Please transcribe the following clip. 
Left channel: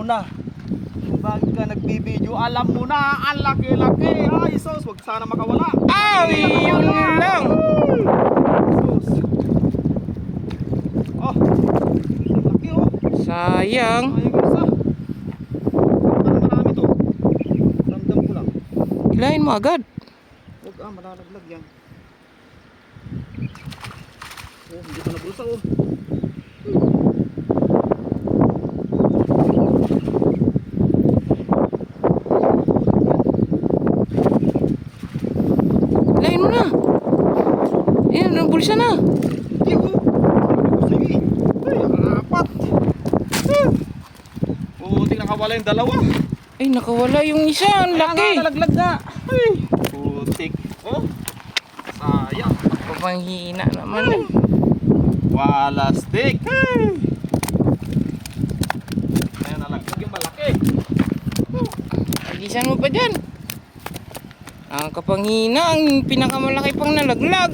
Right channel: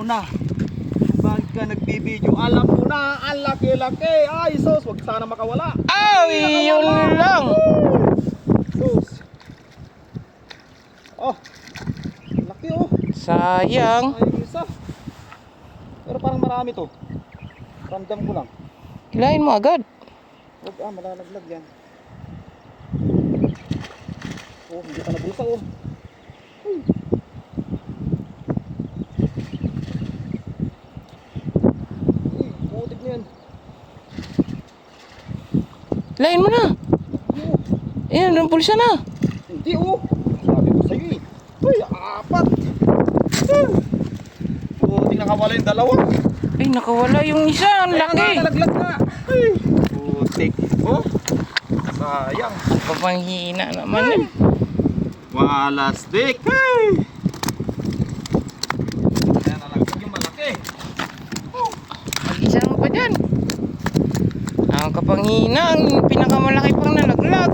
mo na. Kung bakit ka nagbibideo, alam mo na, ang laki-laki. Ay, sus, wag sana makawala. Ay, yun lang. Sus. Oh, laki oh. Sayang. May isa. Pero parang marami to. Ramdam ko lang. Hilahin mo agad. Huwag malalaglag yan. Oh, hindi pa nabulsa oh. Hilahin mo na. Ayan, ang bulsa na. Hindi oh. Sabi ko sa'yo eh. Ay, apat. Buti nakawala yung dalawa. Ay, nakawala yung isa. Ang laki. Nalaglag na. Ay, putik. Oh, sayang. Papanghina naman eh. Wala stick. Ay. Kaya nalaglag yung malaki. Oh. Agisan mo pa dyan. Ang kapanghina, ang pinakamalaki pang nalaglag.